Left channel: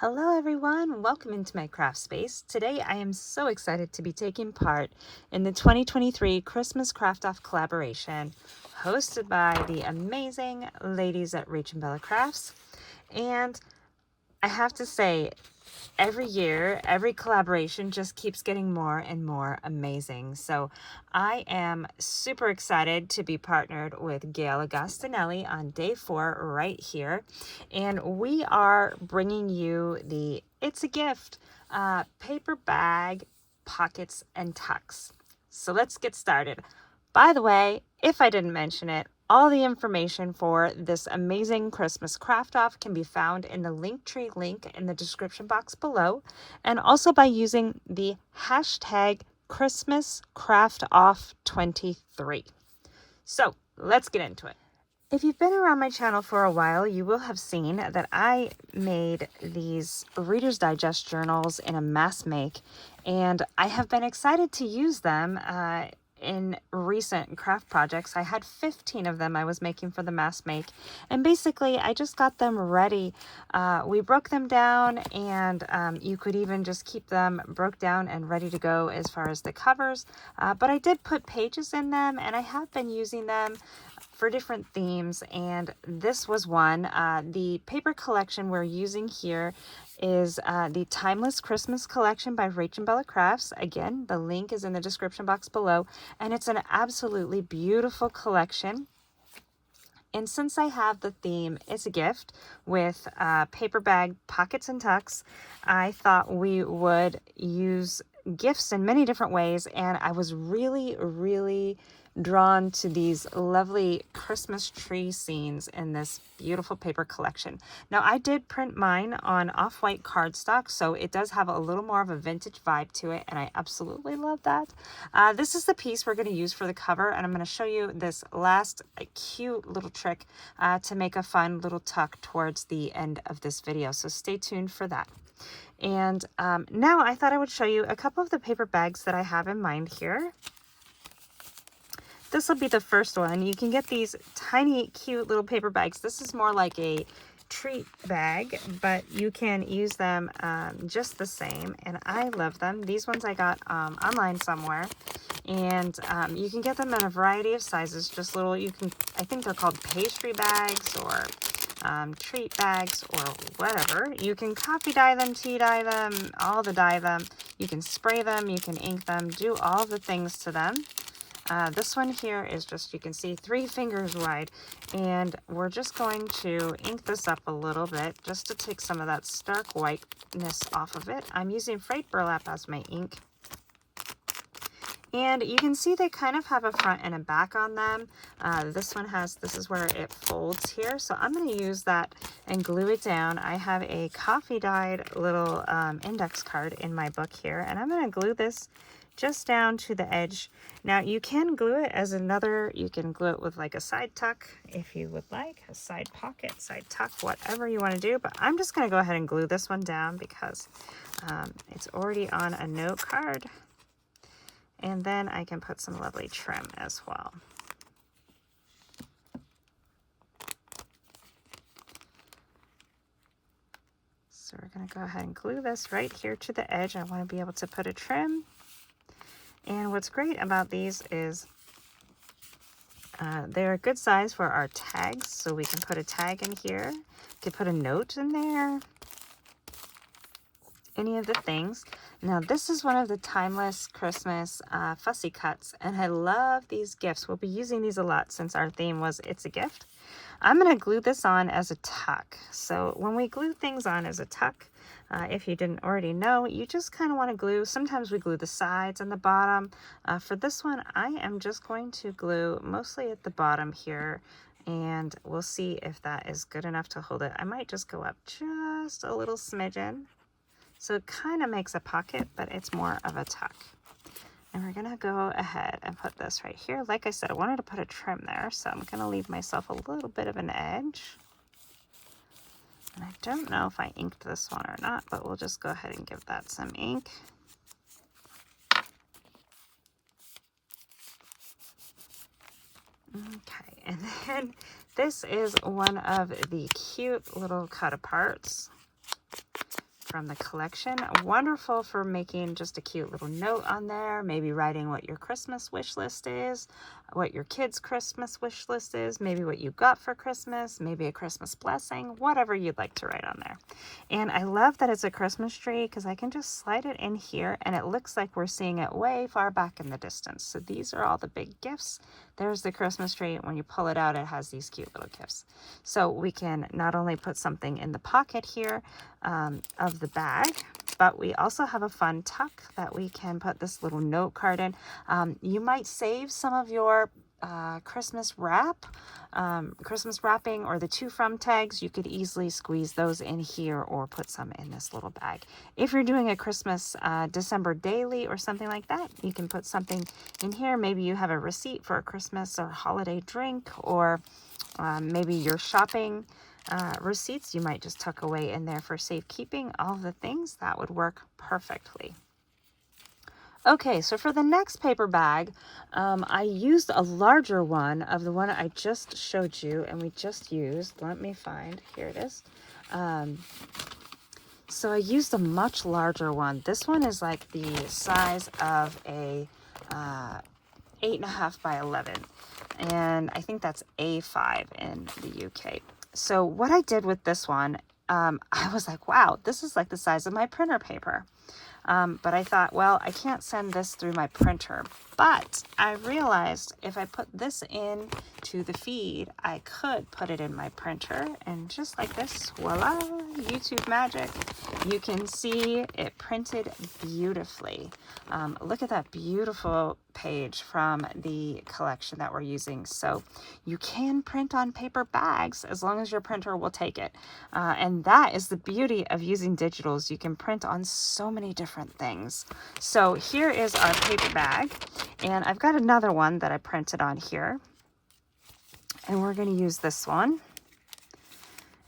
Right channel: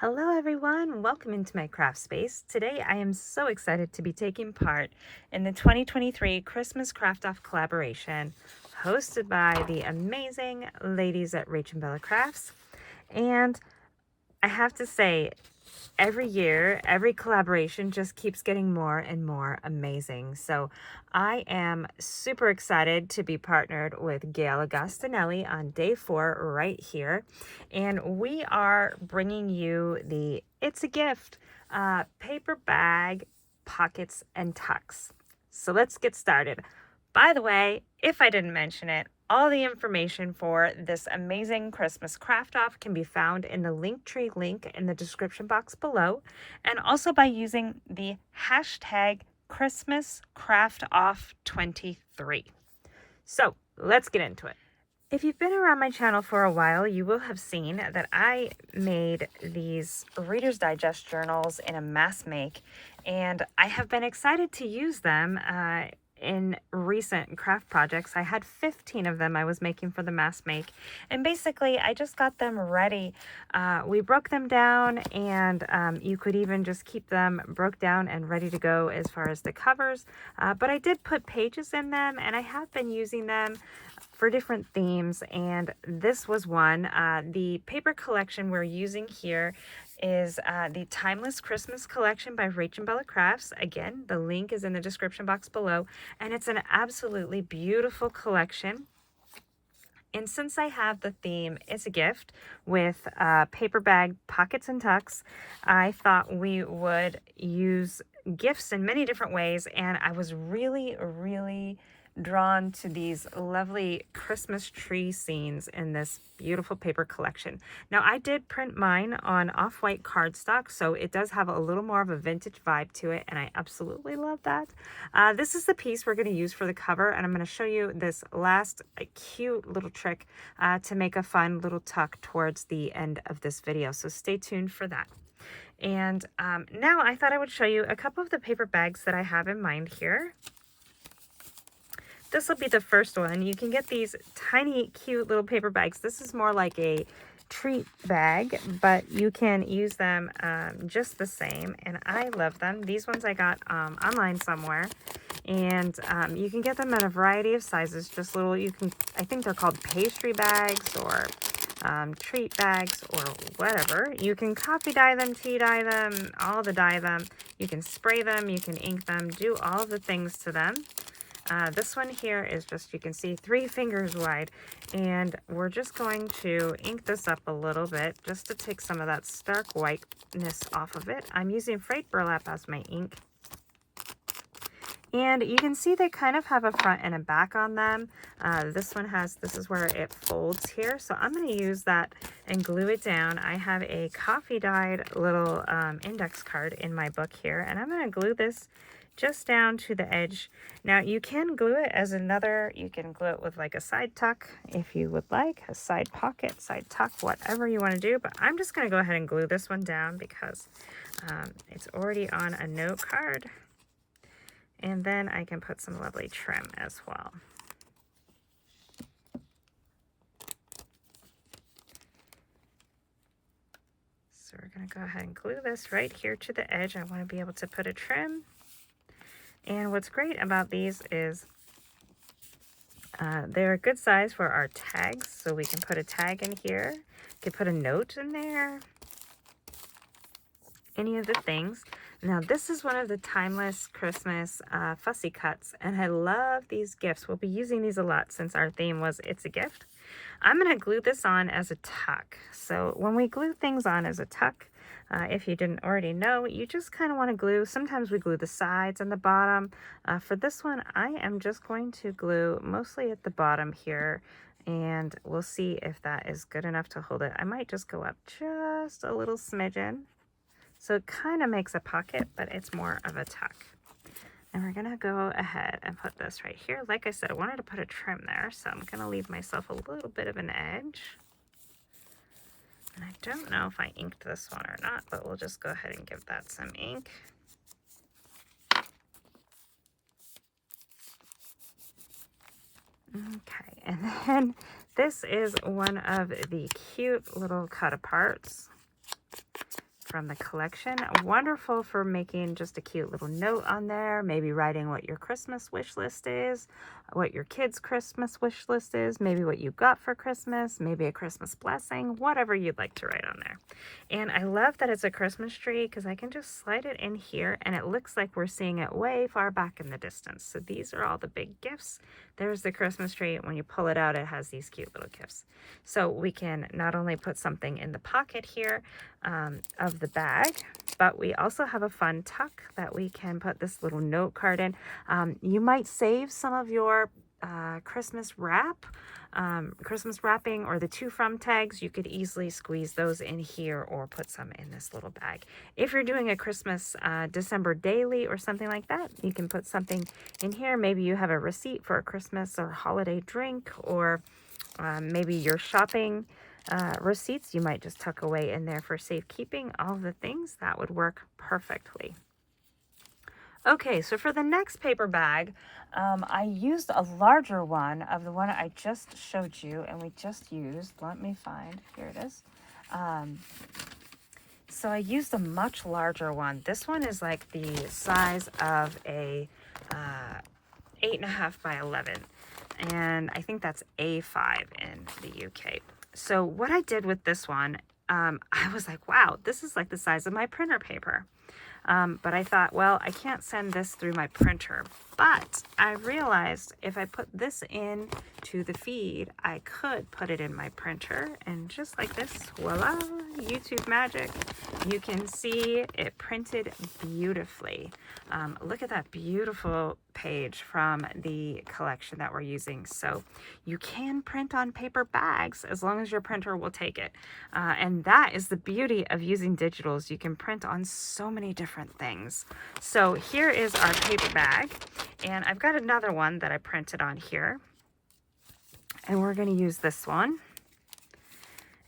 Hello everyone, welcome into my craft space. Today I am so excited to be taking part in the 2023 Christmas Craft Off collaboration hosted by the amazing ladies at Rach and Bella Crafts. And I have to say, every year, every collaboration just keeps getting more and more amazing. So I am super excited to be partnered with Gail Agostinelli on day 4 right here. And we are bringing you the It's a Gift paper bag, pockets, and tucks. So let's get started. By the way, if I didn't mention it, all the information for this amazing Christmas craft off can be found in the Linktree link in the description box below, and also by using the hashtag ChristmasCraftOff23. So let's get into it. If you've been around my channel for a while, you will have seen that I made these Reader's Digest journals in a mass make, and I have been excited to use them in recent craft projects. I had 15 of them I was making for the mass make, and basically I just got them ready. We broke them down, and you could even just keep them broke down and ready to go as far as the covers, but I did put pages in them, and I have been using them for different themes, and this was one. The paper collection we're using here is the Timeless Christmas Collection by Rach and Bella Crafts. Again, the link is in the description box below, and it's an absolutely beautiful collection. And since I have the theme It's a Gift with paper bag, pockets, and tucks, I thought we would use gifts in many different ways, and I was really drawn to these lovely Christmas tree scenes in this beautiful paper collection. Now, I did print mine on off-white cardstock, so it does have a little more of a vintage vibe to it, and I absolutely love that. This is the piece we're going to use for the cover, and I'm going to show you this last cute little trick to make a fun little tuck towards the end of this video, so stay tuned for that. And now I thought I would show you a couple of the paper bags that I have in mind here. This will be the first one. You can get these tiny, cute little paper bags. This is more like a treat bag, but you can use them just the same, and I love them. These ones I got online somewhere, and you can get them in a variety of sizes. Just little, I think they're called pastry bags or treat bags or whatever. You can coffee dye them, tea dye them, all the dye them. You can spray them, you can ink them, do all the things to them. This one here is just, you can see, 3 fingers wide, and we're just going to ink this up a little bit just to take some of that stark whiteness off of it. I'm using frayed burlap as my ink. And you can see they kind of have a front and a back on them. This one has, this is where it folds here. So I'm going to use that and glue it down. I have a coffee dyed little index card in my book here, and I'm going to glue this just down to the edge. Now you can glue it as another, you can glue it with like a side tuck if you would like, a side pocket, side tuck, whatever you want to do. But I'm just going to go ahead and glue this one down because it's already on a note card. And then I can put some lovely trim as well. So we're going to go ahead and glue this right here to the edge. I want to be able to put a trim. And what's great about these is they're a good size for our tags. So we can put a tag in here. You can put a note in there. Any of the things. Now, this is one of the Timeless Christmas fussy cuts, and I love these gifts. We'll be using these a lot since our theme was It's a Gift. I'm going to glue this on as a tuck. So when we glue things on as a tuck, if you didn't already know, you just kind of want to glue. Sometimes we glue the sides and the bottom. For this one, I am just going to glue mostly at the bottom here, and we'll see if that is good enough to hold it. I might just go up just a little smidgen. So it kind of makes a pocket, but it's more of a tuck. And we're going to go ahead and put this right here. Like I said, I wanted to put a trim there, so I'm going to leave myself a little bit of an edge. And I don't know if I inked this one or not, but we'll just go ahead and give that some ink. Okay, and then this is one of the cute little cut aparts. from the collection. Wonderful for making just a cute little note on there, maybe writing what your Christmas wish list is, what your kids' Christmas wish list is, maybe what you got for Christmas, maybe a Christmas blessing, whatever you'd like to write on there. And I love that it's a Christmas tree because I can just slide it in here and it looks like we're seeing it way far back in the distance. So these are all the big gifts. There's the Christmas tree. When you pull it out, it has these cute little gifts. So we can not only put something in the pocket here of the bag, but we also have a fun tuck that we can put this little note card in. You might save some of your Christmas wrapping or the to from tags. You could easily squeeze those in here or put some in this little bag. If you're doing a Christmas December daily or something like that, you can put something in here. Maybe you have a receipt for a Christmas or holiday drink, or maybe your shopping receipts you might just tuck away in there for safekeeping. All the things that would work perfectly. Okay, so for the next paper bag, I used a larger one of the one I just showed you and we just used. Let me find, here it is. So I used a much larger one. This one is like the size of a 8.5 by 11. And I think that's A5 in the UK. So what I did with this one, I was like, wow, this is like the size of my printer paper. But I thought, well, I can't send this through my printer. But I realized if I put this in to the feed, I could put it in my printer. And just like this, voila, YouTube magic. You can see it printed beautifully. Look at that beautiful page from the collection that we're using. So you can print on paper bags as long as your printer will take it. And that is the beauty of using digitals. You can print on so many different things. So here is our paper bag. And I've got another one that I printed on here. And we're going to use this one.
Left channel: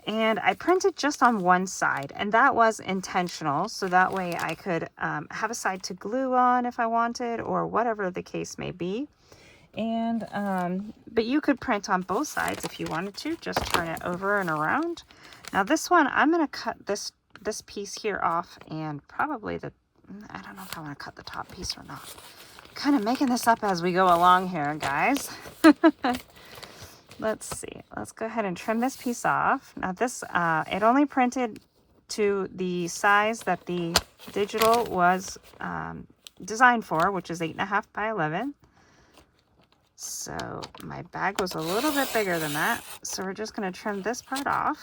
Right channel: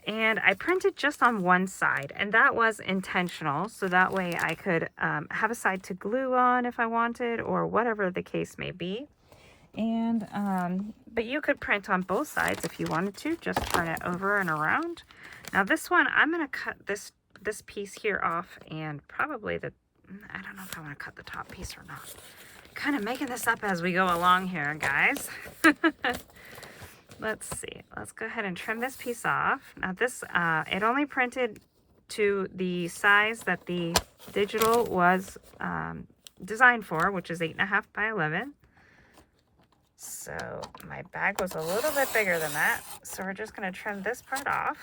And I printed just on one side, and that was intentional. So that way I could have a side to glue on if I wanted, or whatever the case may be. And, but you could print on both sides if you wanted to, just turn it over and around. Now this one, I'm going to cut this piece here off, and probably I don't know if I want to cut the top piece or not. Kind of making this up as we go along here, guys. Let's see. Let's go ahead and trim this piece off. Now this, it only printed to the size that the digital was designed for, which is 8.5 by 11. So my bag was a little bit bigger than that. So we're just going to trim this part off.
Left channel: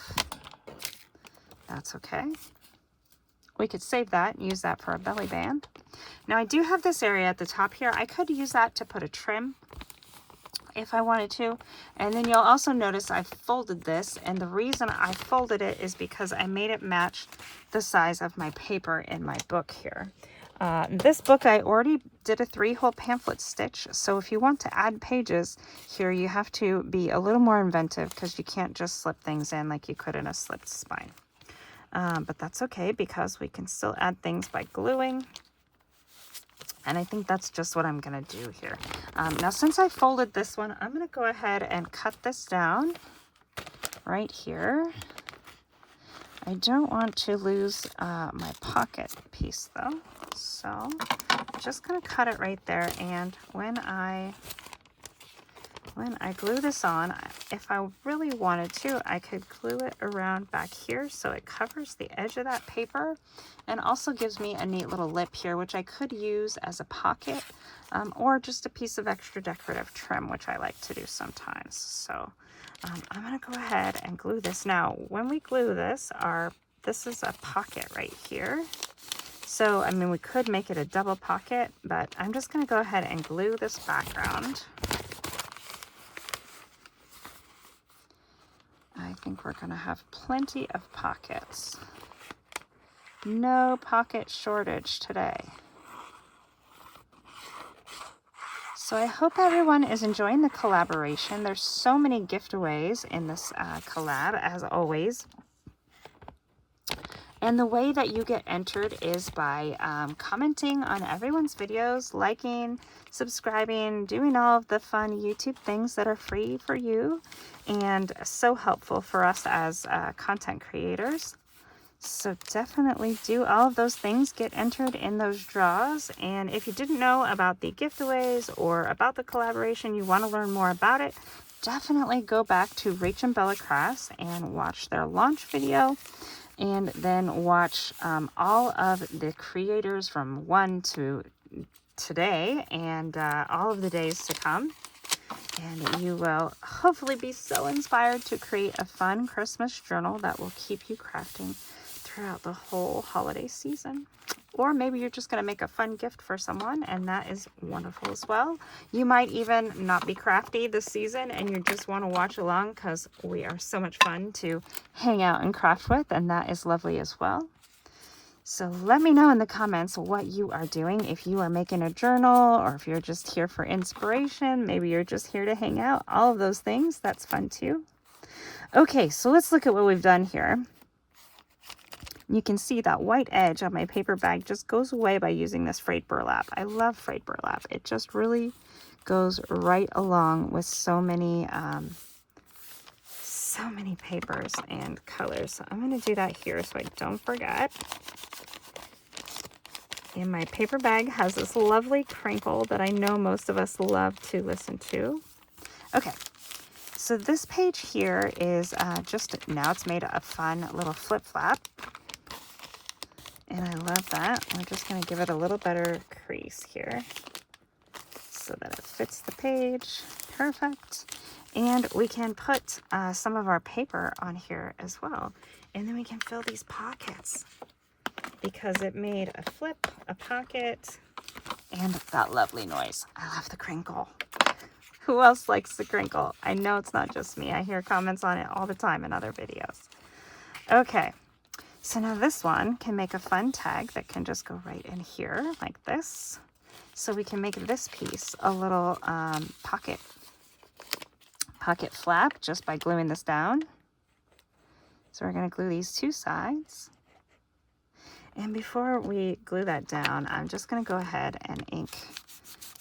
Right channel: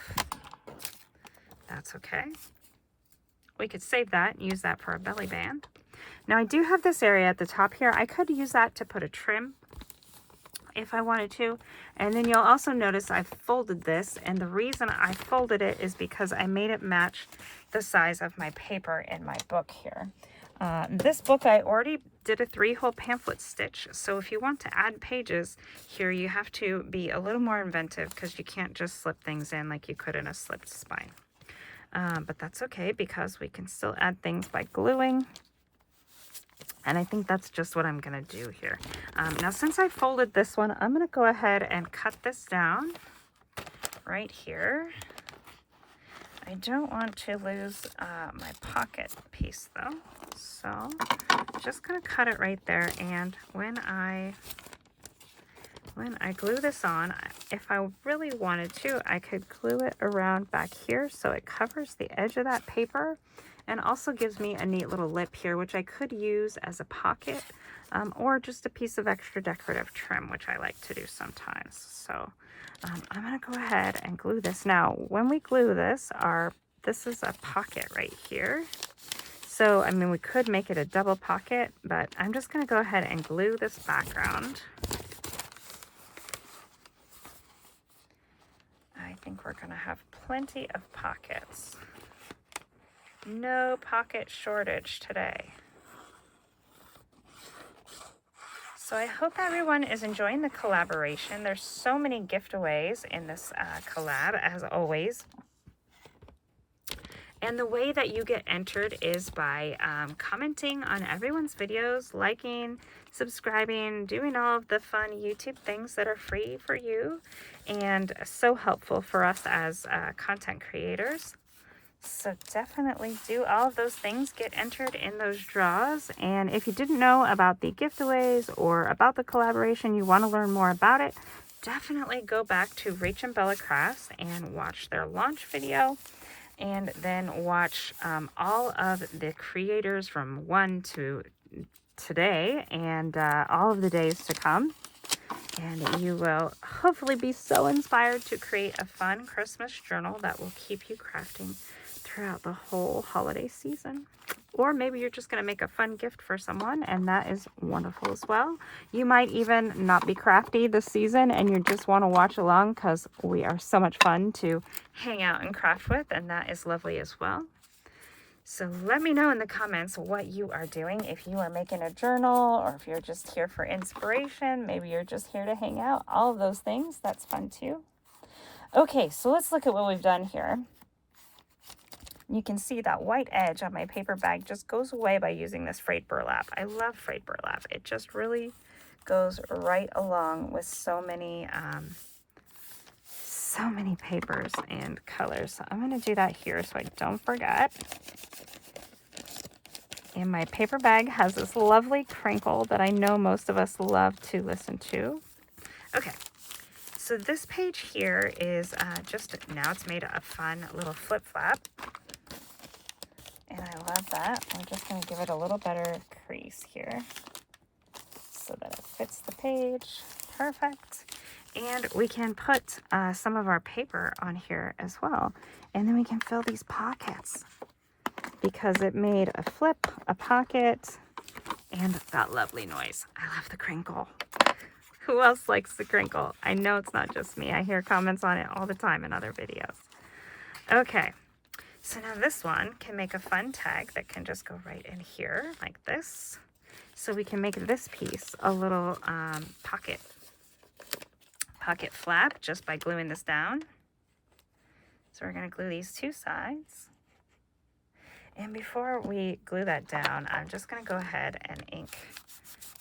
That's okay. We could save that and use that for a belly band. Now I do have this area at the top here. I could use that to put a trim if I wanted to. And then you'll also notice I've folded this, and the reason I folded it is because I made it match the size of my paper in my book here. This book I already did a 3-hole pamphlet stitch, so if you want to add pages here, you have to be a little more inventive because you can't just slip things in like you could in a slipped spine. But that's okay because we can still add things by gluing. And I think that's just what I'm going to do here. Now, since I folded this one, I'm going to go ahead and cut this down right here. I don't want to lose my pocket piece, though. So I'm just going to cut it right there. And when I glue this on, if I really wanted to, I could glue it around back here so it covers the edge of that paper. And also gives me a neat little lip here, which I could use as a pocket or just a piece of extra decorative trim, which I like to do sometimes. So I'm going to go ahead and glue this. Now, when we glue this, this is a pocket right here. So, I mean, we could make it a double pocket, but I'm just going to go ahead and glue this background. I think we're going to have plenty of pockets. No pocket shortage today. So I hope everyone is enjoying the collaboration. There's so many giveaways in this collab, as always. And the way that you get entered is by commenting on everyone's videos, liking, subscribing, doing all of the fun YouTube things that are free for you and so helpful for us as content creators. So definitely do all of those things, get entered in those draws. And if you didn't know about the giveaways or about the collaboration, you want to learn more about it, definitely go back to Rach and Bella Crafts and watch their launch video, and then watch all of the creators from 1 to today and all of the days to come. And you will hopefully be so inspired to create a fun Christmas journal that will keep you crafting throughout the whole holiday season. Or maybe you're just going to make a fun gift for someone, and that is wonderful as well. You might even not be crafty this season and you just want to watch along, because we are so much fun to hang out and craft with, and that is lovely as well. So let me know in the comments what you are doing, if you are making a journal, or if you're just here for inspiration. Maybe you're just here to hang out. All of those things, that's fun too. Okay, so let's look at what we've done here. You can see that white edge on my paper bag just goes away by using this frayed burlap. I love frayed burlap. It just really goes right along with so many papers and colors. So I'm going to do that here so I don't forget. And my paper bag has this lovely crinkle that I know most of us love to listen to. Okay, so this page here is now it's made a fun little flip flap. And I love that. I'm just going to give it a little better crease here so that it fits the page. Perfect. And we can put some of our paper on here as well. And then we can fill these pockets, because it made a flip, a pocket, and that lovely noise. I love the crinkle. Who else likes the crinkle? I know it's not just me. I hear comments on it all the time in other videos. Okay, so now this one can make a fun tag that can just go right in here like this. So we can make this piece a little pocket flap just by gluing this down. So we're going to glue these two sides. And before we glue that down, I'm just going to go ahead and ink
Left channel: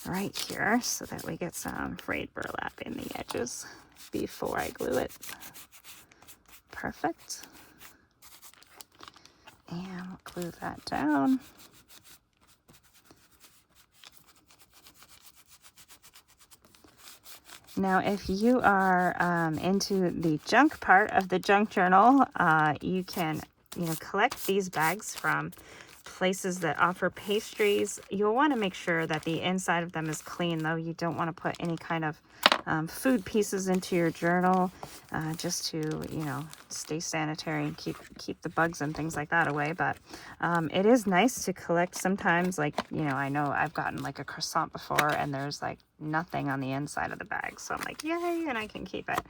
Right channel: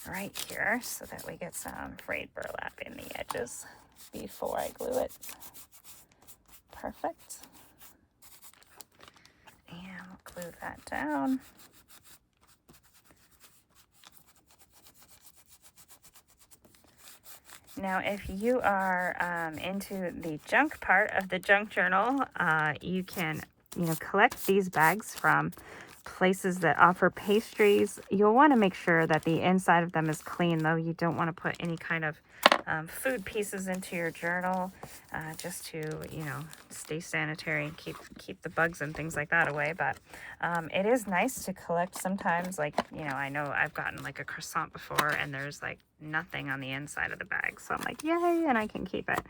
right here so that we get some frayed burlap in the edges before I glue it. Perfect. And we'll glue that down. Now, if you are into the junk part of the junk journal, you can collect these bags from places that offer pastries. You'll want to make sure that the inside of them is clean, though. You don't want to put any kind of food pieces into your journal, just to stay sanitary and keep the bugs and things like that away. But it is nice to collect sometimes. Like I know I've gotten like a croissant before and there's like nothing on the inside of the bag, so I'm like, yay, and I can keep it.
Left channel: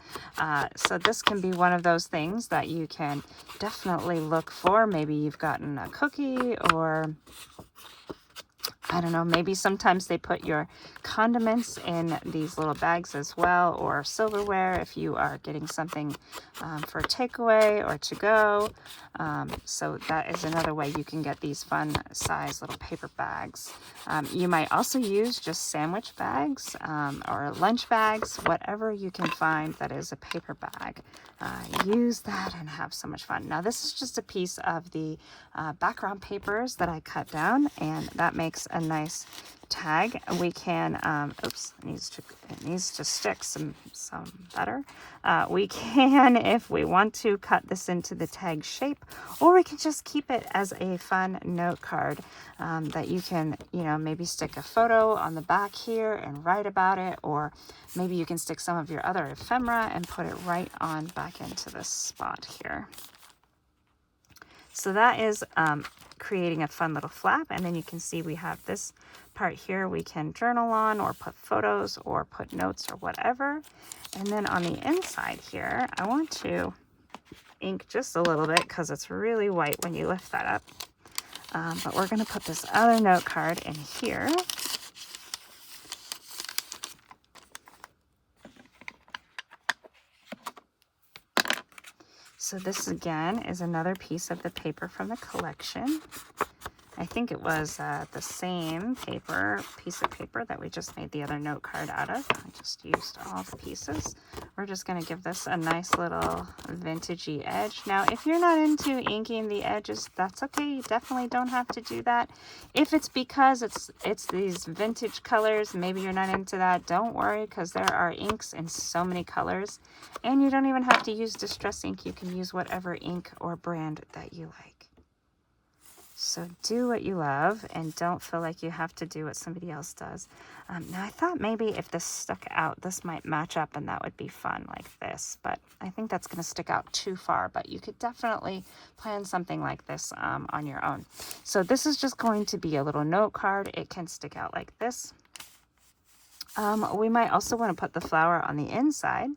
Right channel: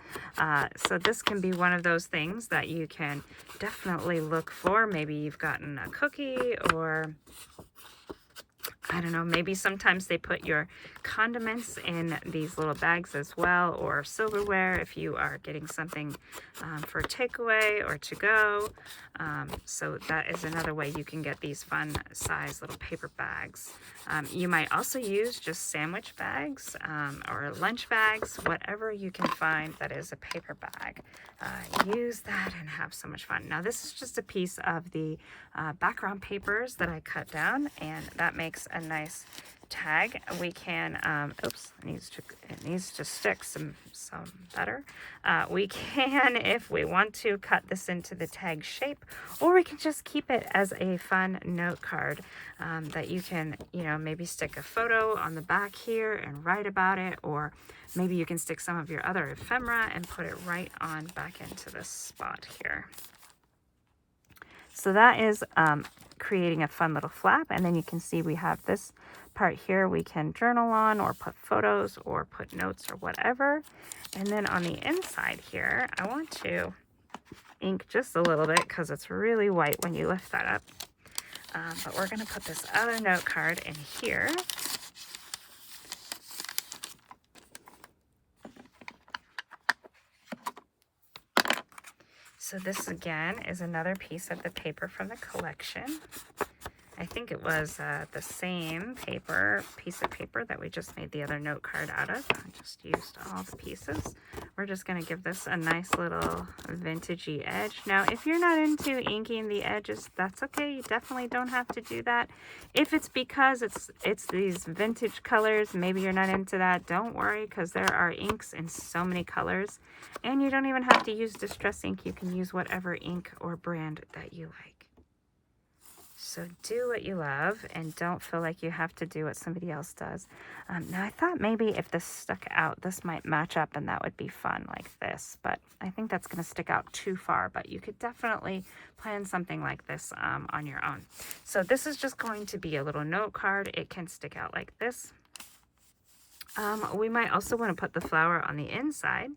So this can be one of those things that you can definitely look for. Maybe you've gotten a cookie, or I don't know, maybe sometimes they put your condiments in these little bags as well, or silverware if you are getting something for takeaway or to go. So that is another way you can get these fun size little paper bags. You might also use just sandwich bags or lunch bags, whatever you can find that is a paper bag. Use that and have so much fun. Now this is just a piece of the background papers that I cut down, and that makes a nice tag. We can oops, it needs to stick some better. We can, if we want to, cut this into the tag shape, or we can just keep it as a fun note card that you can maybe stick a photo on the back here and write about it, or maybe you can stick some of your other ephemera and put it right on back into this spot here. So that is creating a fun little flap, and then you can see we have this part here we can journal on, or put photos, or put notes, or whatever. And then on the inside here, I want to ink just a little bit because it's really white when you lift that up. But we're going to put this other note card in here. So this again is another piece of the paper from the collection. I think it was the same piece of paper that we just made the other note card out of. I just used all the pieces. We're just going to give this a nice little vintagey edge. Now, if you're not into inking the edges, that's okay. You definitely don't have to do that. If it's because it's these vintage colors, maybe you're not into that, don't worry, because there are inks in so many colors. And you don't even have to use Distress ink. You can use whatever ink or brand that you like. So do what you love and don't feel like you have to do what somebody else does. Now I thought maybe if this stuck out, this might match up and that would be fun like this, but I think that's going to stick out too far, but you could definitely plan something like this on your own. So this is just going to be a little note card. It can stick out like this. We might also want to put the flower on the inside,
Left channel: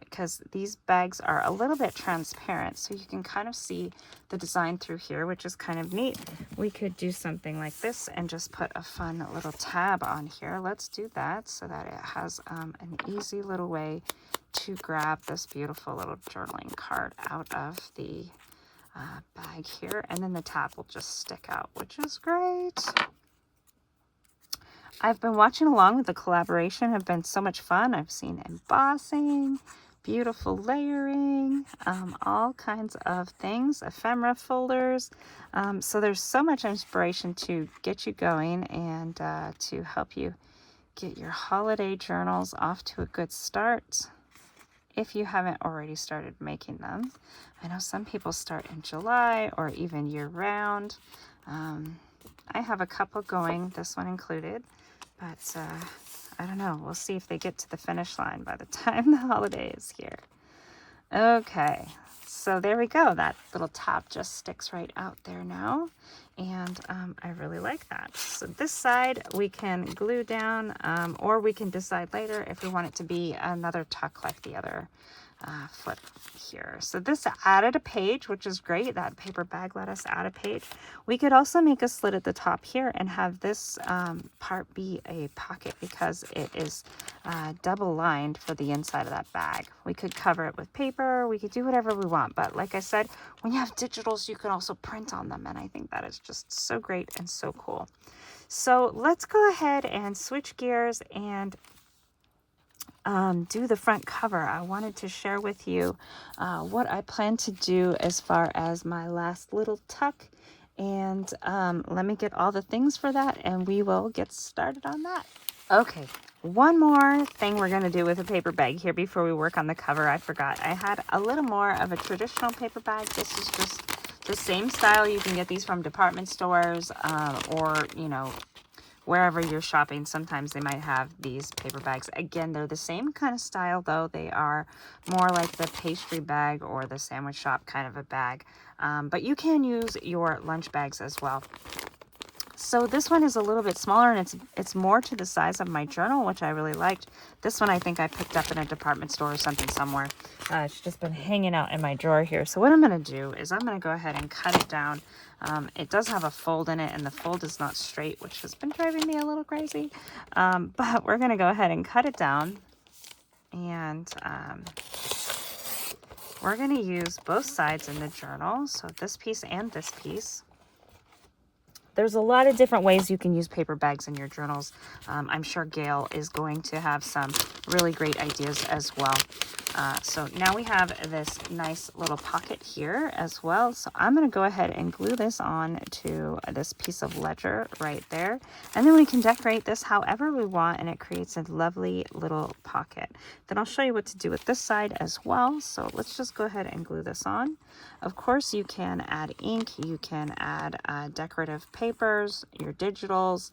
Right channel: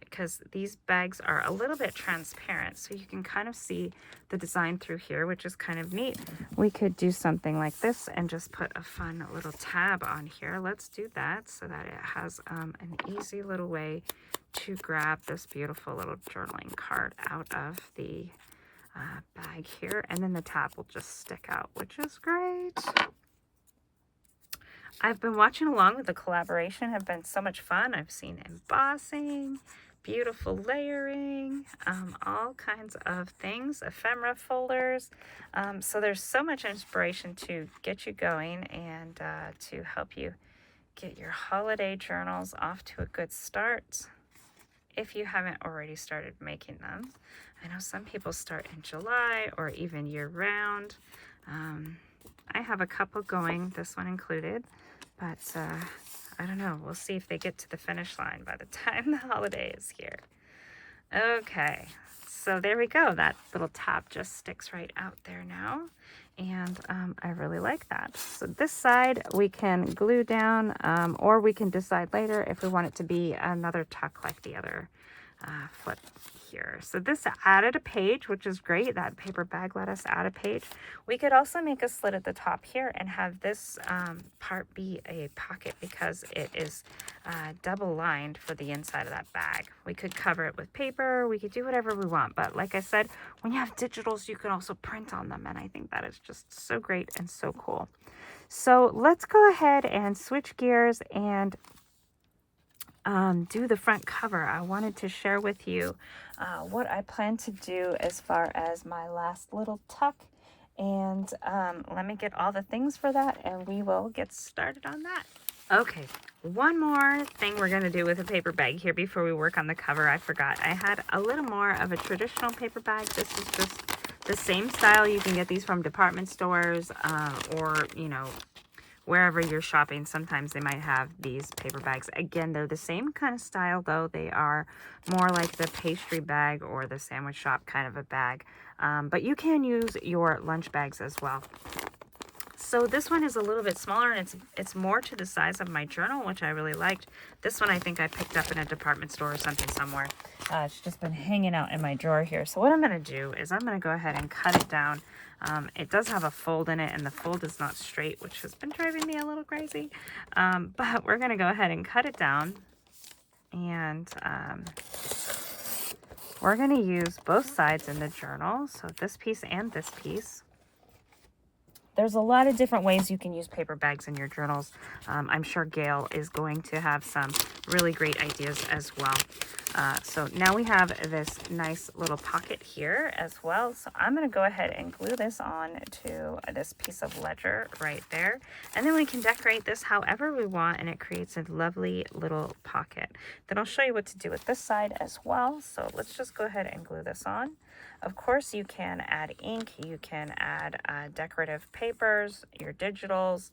because these bags are a little bit transparent, so you can kind of see the design through here, which is kind of neat. We could do something like this and just put a fun little tab on here. Let's do that so that it has an easy little way to grab this beautiful little journaling card out of the bag here, and then the tab will just stick out, which is great. I've been watching along with the collaboration. Have been so much fun. I've seen embossing, beautiful layering, all kinds of things, ephemera folders. So there's so much inspiration to get you going and to help you get your holiday journals off to a good start if you haven't already started making them. I know some people start in July or even year-round. I have a couple going, this one included, but I don't know. We'll see if they get to the finish line by the time the holiday is here. Okay, so there we go. That little tab just sticks right out there now, and I really like that. So this side we can glue down, or we can decide later if we want it to be another tuck like the other foot here. So this added a page, which is great. That paper bag let us add a page. We could also make a slit at the top here and have this part be a pocket because it is double lined for the inside of that bag. We could cover it with paper. We could do whatever we want. But like I said, when you have digitals, you can also print on them. And I think that is just so great and so cool. So let's go ahead and switch gears and do the front cover. I wanted to share with you what I plan to do as far as my last little tuck, and let me get all the things for that and we will get started on that. Okay, one more thing we're going to do with a paper bag here before we work on the cover. I forgot I had a little more of a traditional paper bag. This is just the same style. You can get these from department stores or you know, wherever you're shopping. Sometimes they might have these paper bags. Again, they're the same kind of style, though. They are more like the pastry bag or the sandwich shop kind of a bag. But you can use your lunch bags as well. So this one is a little bit smaller, and it's more to the size of my journal, which I really liked. This one I think I picked up in a department store or something somewhere. It's just been hanging out in my drawer here. So what I'm going to do is I'm going to go ahead and cut it down. It does have a fold in it, and the fold is not straight, which has been driving me a little crazy. But we're going to go ahead and cut it down. And we're going to use both sides in the journal, so this piece and this piece. There's a lot of different ways you can use paper bags in your journals. I'm sure Gail is going to have some really great ideas as well. So now we have this nice little pocket here as well. So I'm going to go ahead and glue this on to this piece of ledger right there. And then we can decorate this however we want, and it creates a lovely little pocket. Then I'll show you what to do with this side as well. So let's just go ahead and glue this on. Of course, you can add ink, you can add decorative papers, your digitals,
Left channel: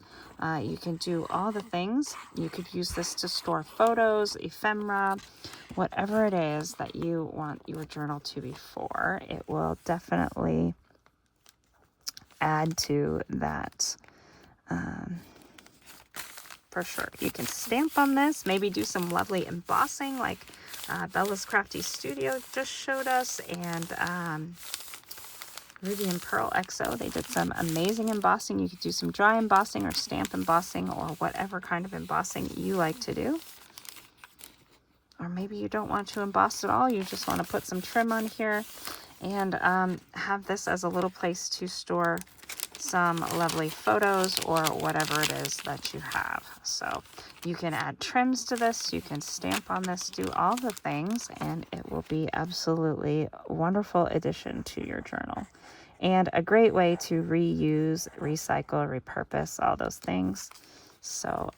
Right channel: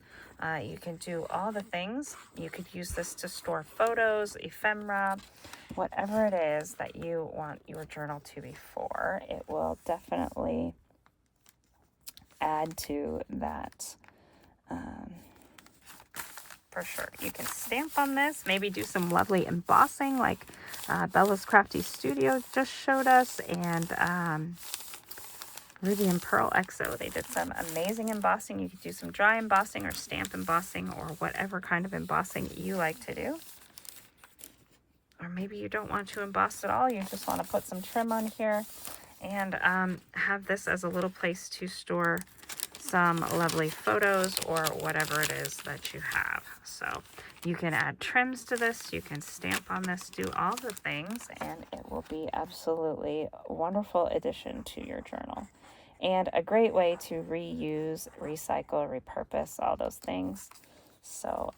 you can do all the things. You could use this to store photos, ephemera, whatever it is that you want your journal to be for. It will definitely add to that for sure. You can stamp on this, maybe do some lovely embossing like Bella's Crafty Studio just showed us, and Ruby and Pearl XO, they did some amazing embossing. You could do some dry embossing or stamp embossing or whatever kind of embossing you like to do. Or maybe you don't want to emboss at all, you just want to put some trim on here and have this as a little place to store some lovely photos or whatever it is that you have. So you can add trims to this, you can stamp on this, do all the things, and it will be absolutely a wonderful addition to your journal. And a great way to reuse, recycle, repurpose, all those things. So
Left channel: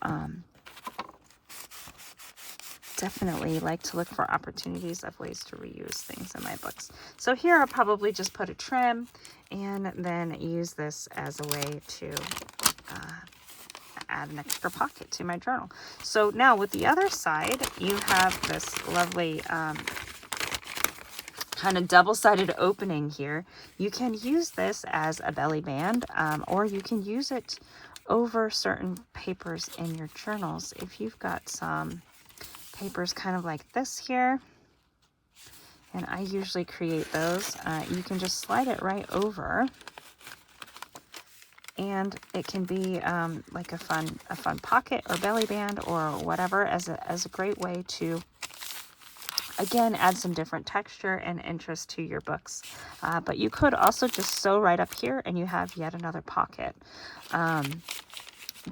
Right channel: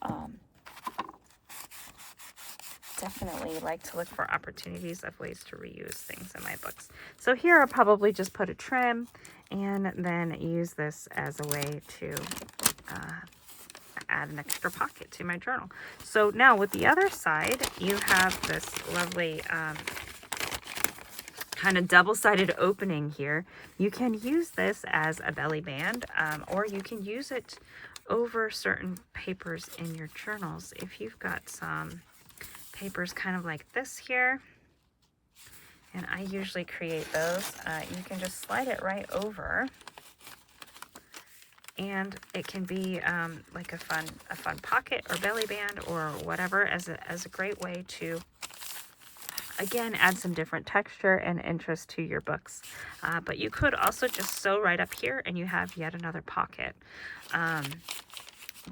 definitely like to look for opportunities of ways to reuse things in my books. So here I'll probably just put a trim and then use this as a way to add an extra pocket to my journal. So now with the other side, you have this lovely kind of double-sided opening here. You can use this as a belly band, or you can use it over certain papers in your journals. If you've got some papers kind of like this here, and I usually create those, you can just slide it right over, and it can be like a fun pocket or belly band or whatever, as a great way to, again, add some different texture and interest to your books. But you could also just sew right up here and you have yet another pocket.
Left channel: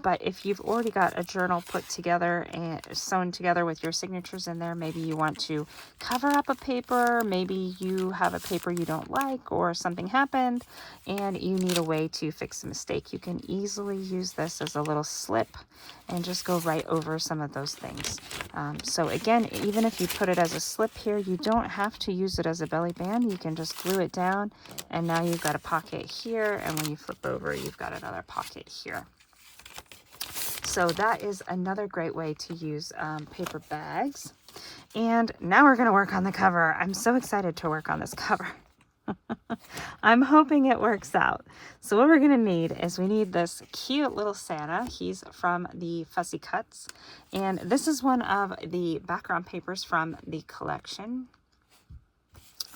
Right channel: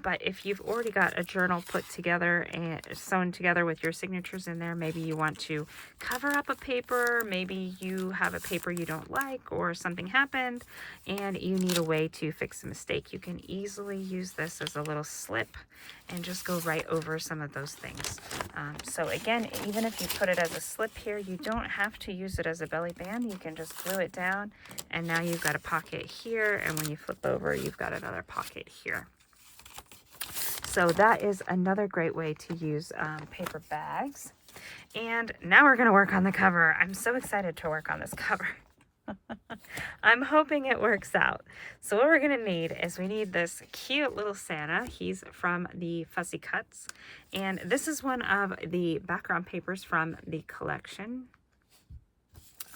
But if you've already got a journal put together and sewn together with your signatures in there, maybe you want to cover up a paper, maybe you have a paper you don't like or something happened and you need a way to fix a mistake, you can easily use this as a little slip and just go right over some of those things. So again, even if you put it as a slip here, you don't have to use it as a belly band. You can just glue it down and now you've got a pocket here, and when you flip over, you've got another pocket here. So that is another great way to use paper bags. And now we're going to work on the cover. I'm so excited to work on this cover. I'm hoping it works out. So what we're going to need is we need this cute little Santa. He's from the Fussy Cuts. And this is one of the background papers from the collection.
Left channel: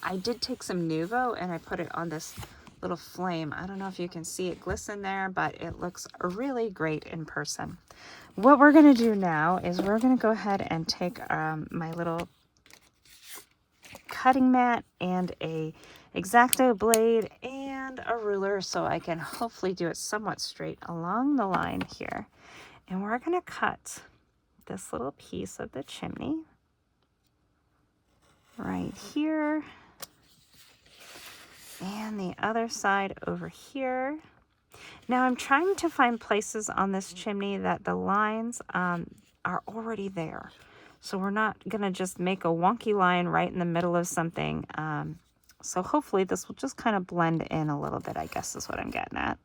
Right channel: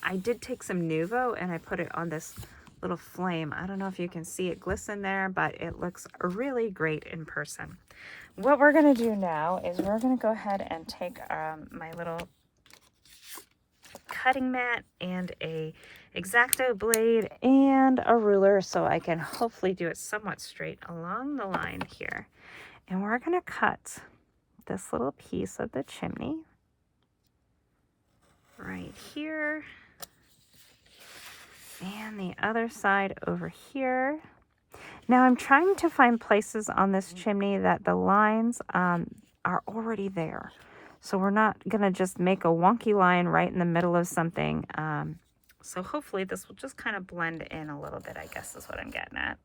I did take some Nuvo and I put it on this little flame. I don't know if you can see it glisten there, but it looks really great in person. What we're going to do now is we're going to go ahead and take my little cutting mat and a X-Acto blade and a ruler so I can hopefully do it somewhat straight along the line here. And we're going to cut this little piece of the chimney right here. And the other side over here. Now I'm trying to find places on this chimney that the lines are already there. So we're not going to just make a wonky line right in the middle of something. So hopefully this will just kind of blend in a little bit, I guess is what I'm getting at.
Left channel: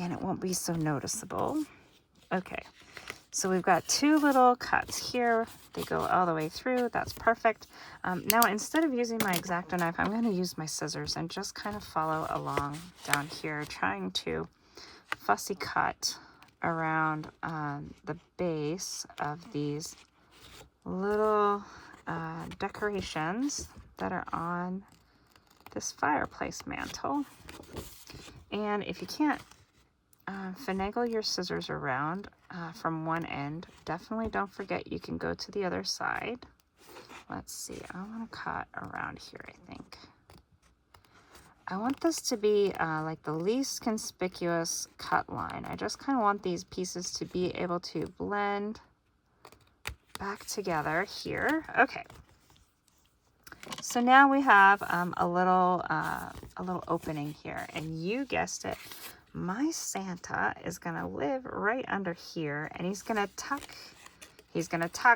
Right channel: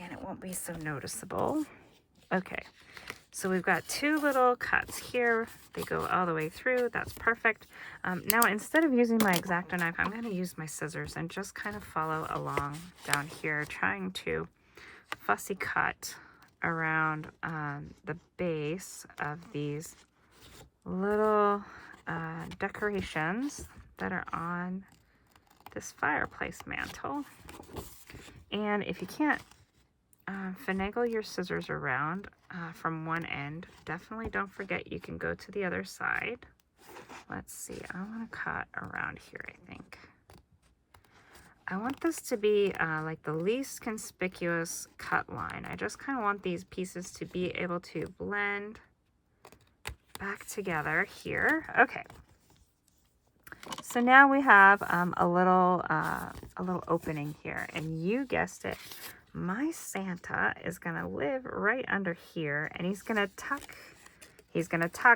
And it won't be so noticeable. Okay. So we've got two little cuts here. They go all the way through. That's perfect. Now, instead of using my X-Acto knife, I'm going to use my scissors and just kind of follow along down here, trying to fussy cut around the base of these little decorations that are on this fireplace mantle. And if you can't finagle your scissors around from one end, definitely don't forget you can go to the other side. Let's see, I want to cut around here, I think. I want this to be like the least conspicuous cut line. I just kind of want these pieces to be able to blend back together here. Okay. So now we have a little opening here, and you guessed it, my Santa is gonna live right under here, and he's gonna tuck,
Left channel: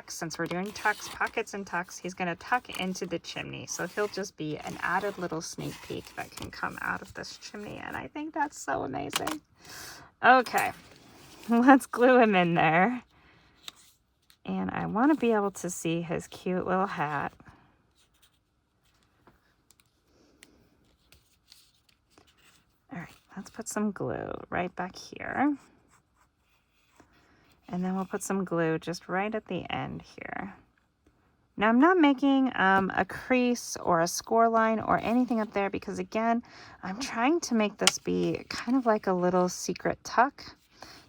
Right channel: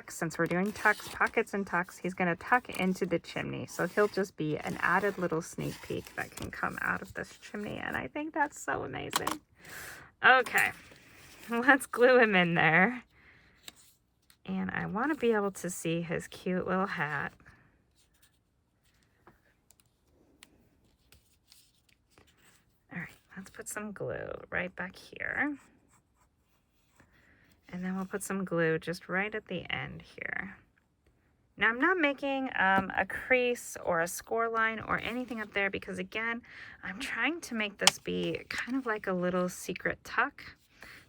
since we're doing tucks, pockets and tucks, he's gonna tuck into the chimney. So he'll just be an added little sneak peek that can come out of this chimney, and I think that's so amazing. Okay, let's glue him in there. And I want to be able to see his cute little hat. All right, let's put some glue right back here. And then we'll put some glue just right at the end here. Now I'm not making a crease or a score line or anything up there because, again, I'm trying to make this be kind of like a little secret tuck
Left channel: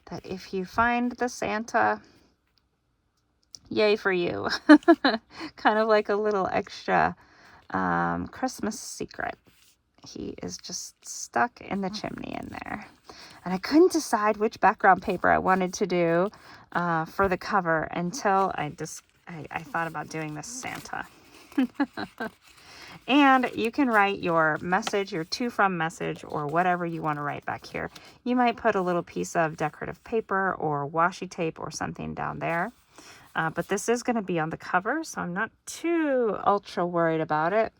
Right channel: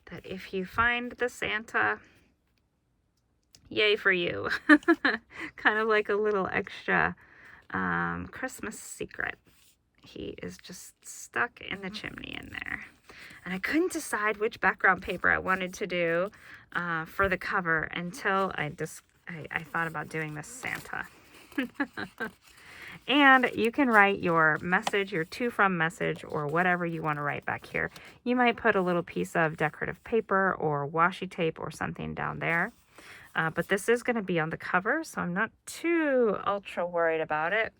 that if you find the Santa, yay for you. Kind of like a little extra Christmas secret. he is just stuck in the chimney in there. And I couldn't decide which background paper I wanted to do for the cover until I thought about doing this Santa. And you can write your message, your to from message, or whatever you want to write back here. You might put a little piece of decorative paper or washi tape or something down there. But this is going to be on the cover, so I'm not too ultra worried about it.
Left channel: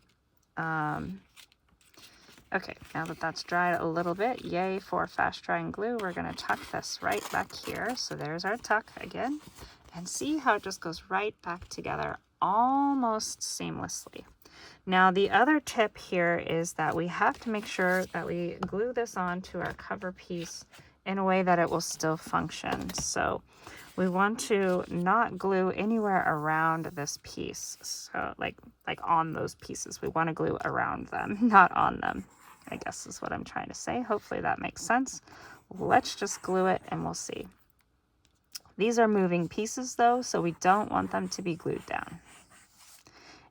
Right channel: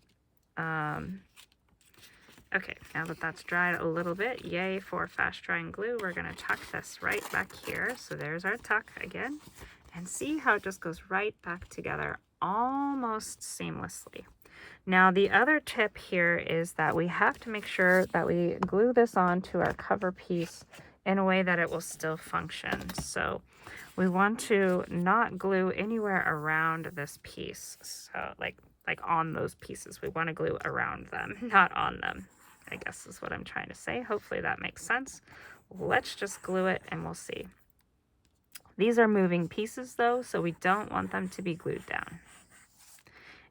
Okay, now that that's dried a little bit, yay for fast drying glue, we're going to tuck this right back here. So there's our tuck again. And see how it just goes right back together almost seamlessly. Now the other tip here is that we have to make sure that we glue this onto our cover piece in a way that it will still function. So we want to not glue anywhere around this piece. So like on those pieces, we want to glue around them, not on them, I guess is what I'm trying to say. Hopefully that makes sense. Let's just glue it and we'll see. These are moving pieces though, so we don't want them to be glued down.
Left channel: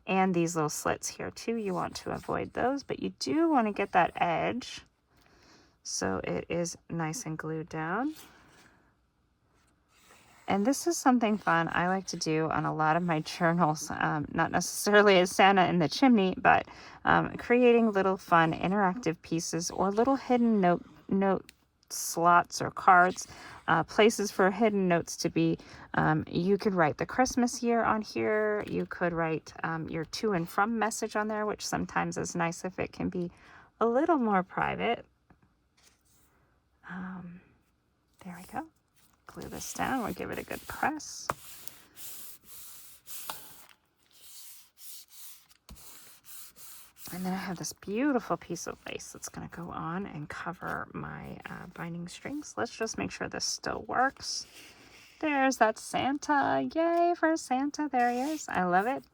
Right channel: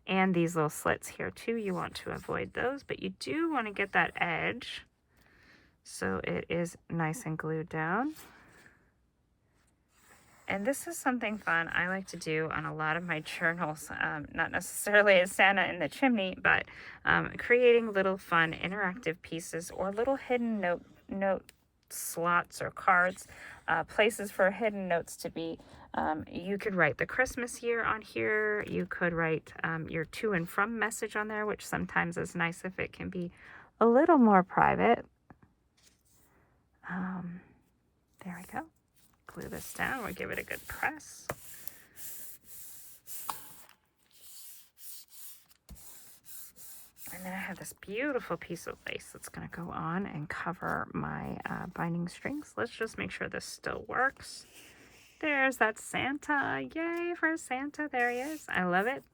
And these little slits here too, you want to avoid those, but you do want to get that edge so it is nice and glued down. And this is something fun I like to do on a lot of my journals, not necessarily as Santa in the chimney, but creating little fun interactive pieces or little hidden note slots or cards, places for hidden notes to be. You could write the Christmas year on here. You could write your to and from message on there, which sometimes is nice if it can be a little more private. There we go. Glue this down. We'll give it a good press. And then I have this beautiful piece of lace that's going to go on and cover my binding strings. Let's just make sure this still works. There's that Santa. Yay for Santa. There he is. I love it.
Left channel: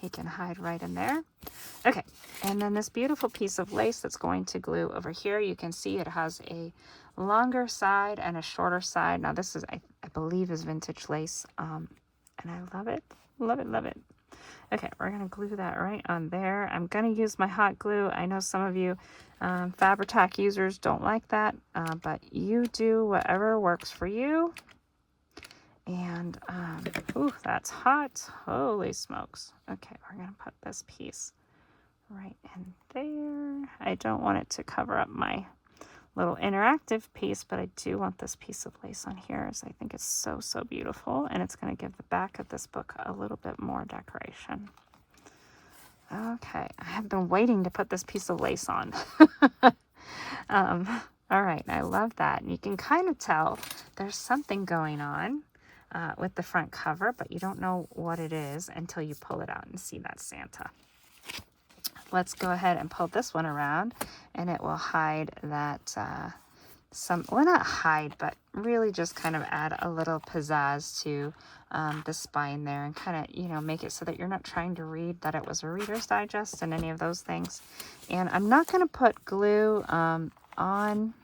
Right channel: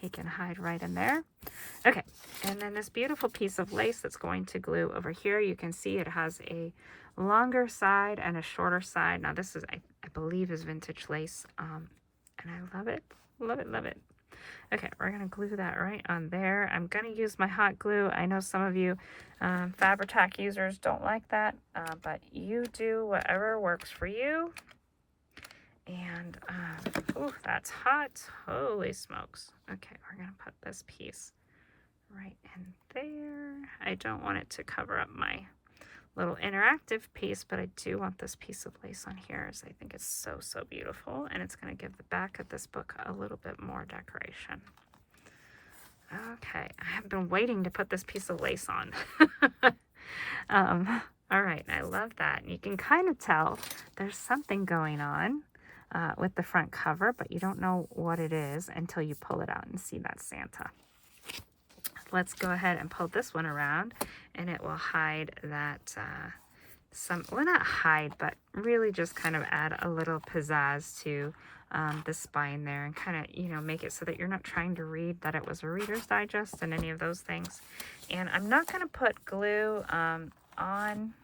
He can hide right in there. Okay, and then this beautiful piece of lace that's going to glue over here. You can see it has a longer side and a shorter side. Now this is, I believe, is vintage lace, and I love it. Love it, love it. Okay, we're going to glue that right on there. I'm going to use my hot glue. I know some of you Fabri-Tac users don't like that, but you do whatever works for you. And, ooh, that's hot. Holy smokes. Okay, we're going to put this piece right in there. I don't want it to cover up my little interactive piece, but I do want this piece of lace on here, as I think it's so, so beautiful. And it's going to give the back of this book a little bit more decoration. Okay, I have been waiting to put this piece of lace on. All right, I love that. And you can kind of tell there's something going on with the front cover, but you don't know what it is until you pull it out and see that Santa. Let's go ahead and pull this one around, and it will hide that, well, not hide, but really just kind of add a little pizzazz to the spine there, and kind of, you know, make it so that you're not trying to read that it was a Reader's Digest and any of those things. And I'm not going to put glue on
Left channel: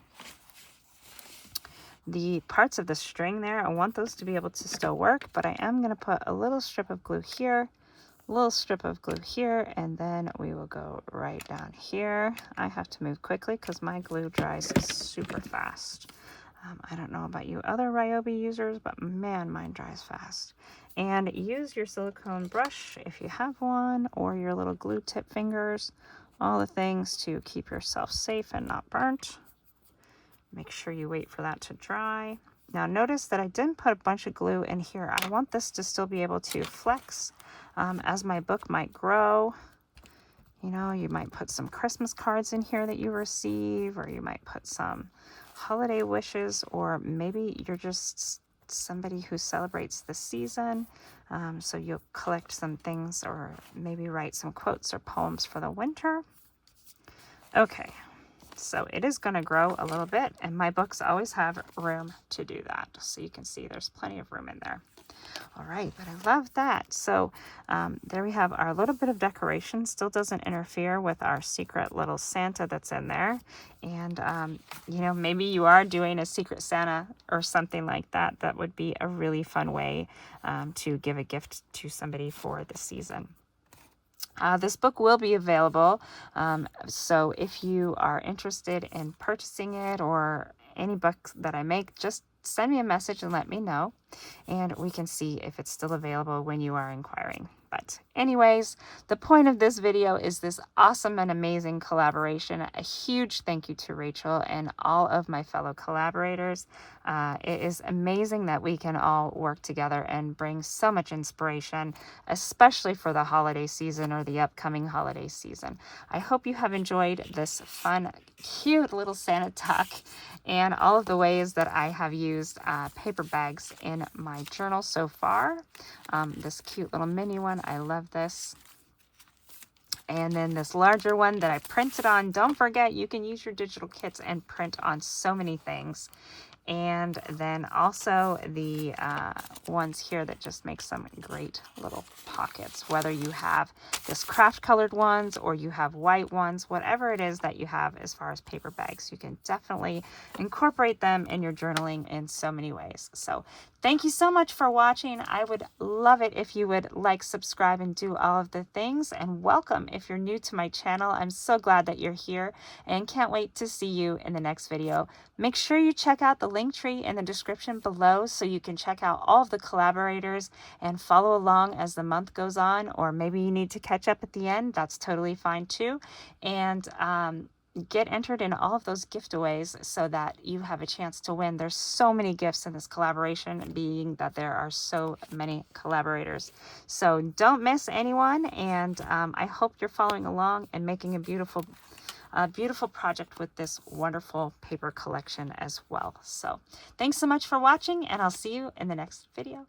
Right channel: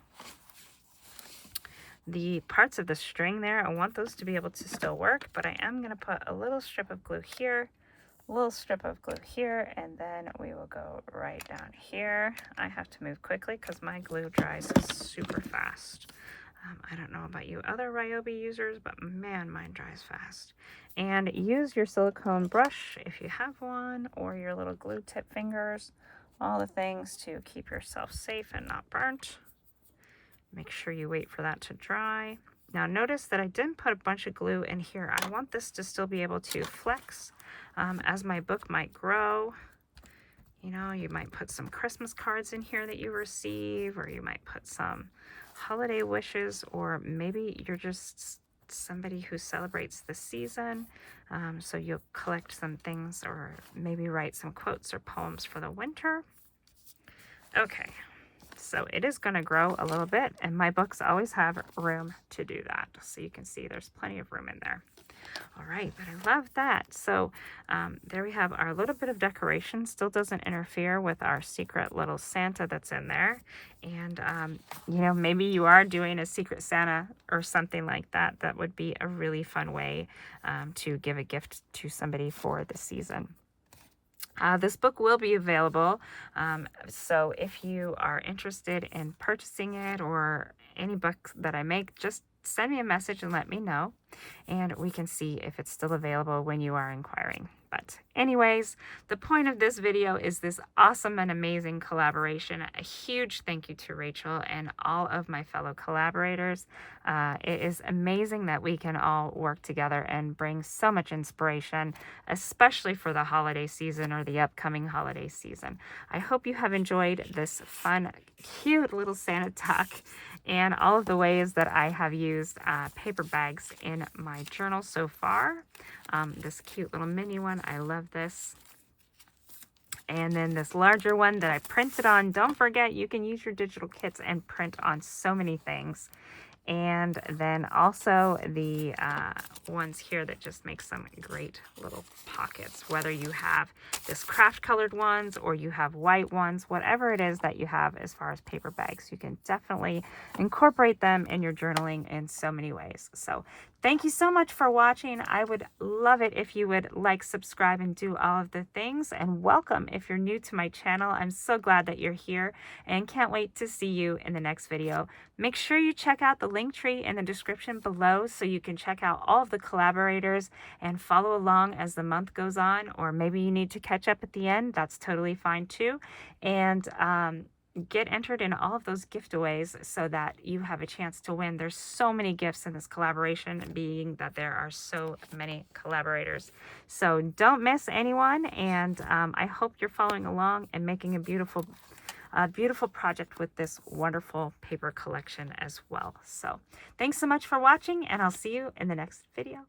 the parts of the string there. I want those to be able to still work, but I am going to put a little strip of glue here, a little strip of glue here, and then we will go right down here. I have to move quickly because my glue dries super fast. I don't know about you other Ryobi users, but man, mine dries fast. And use your silicone brush if you have one, or your little glue tip fingers, all the things to keep yourself safe and not burnt. Make sure you wait for that to dry. Now notice that I didn't put a bunch of glue in here. I want this to still be able to flex as my book might grow. You know, you might put some Christmas cards in here that you receive, or you might put some holiday wishes, or maybe you're just somebody who celebrates the season. So you'll collect some things, or maybe write some quotes or poems for the winter. Okay. So it is going to grow a little bit, and my books always have room to do that. So you can see there's plenty of room in there. All right, but I love that. So there we have our little bit of decoration. Still doesn't interfere with our secret little Santa that's in there. And, you know, maybe you are doing a Secret Santa or something like that. That would be a really fun way to give a gift to somebody for the season. This book will be available, so if you are interested in purchasing it or any books that I make, just send me a message and let me know, and we can see if it's still available when you are inquiring. But anyways, the point of this video is this awesome and amazing collaboration. A huge thank you to Rachel and all of my fellow collaborators. It is amazing that we can all work together and bring so much inspiration, especially for the holiday season or the upcoming holiday season. I hope you have enjoyed this fun, cute little Santa tuck and all of the ways that I have used paper bags in my journal so far. This cute little mini one, I love this. And then this larger one that I printed on. Don't forget, you can use your digital kits and print on so many things. And then also the ones here that just make some great little pockets, whether you have this craft colored ones or you have white ones, whatever it is that you have as far as paper bags, you can definitely incorporate them in your journaling in so many ways. So thank you so much for watching. I would love it if you would like, subscribe, and do all of the things. And welcome if you're new to my channel. I'm so glad that you're here and can't wait to see you in the next video. Make sure you check out the link tree in the description below so you can check out all of the collaborators and follow along as the month goes on, or maybe you need to catch up at the end. That's totally fine too. And get entered in all of those giveaways so that you have a chance to win. There's so many gifts in this collaboration, being that there are so many collaborators. So don't miss anyone, and I hope you're following along and making a beautiful project with this wonderful paper collection as well. So thanks so much for watching, and I'll see you in the next video.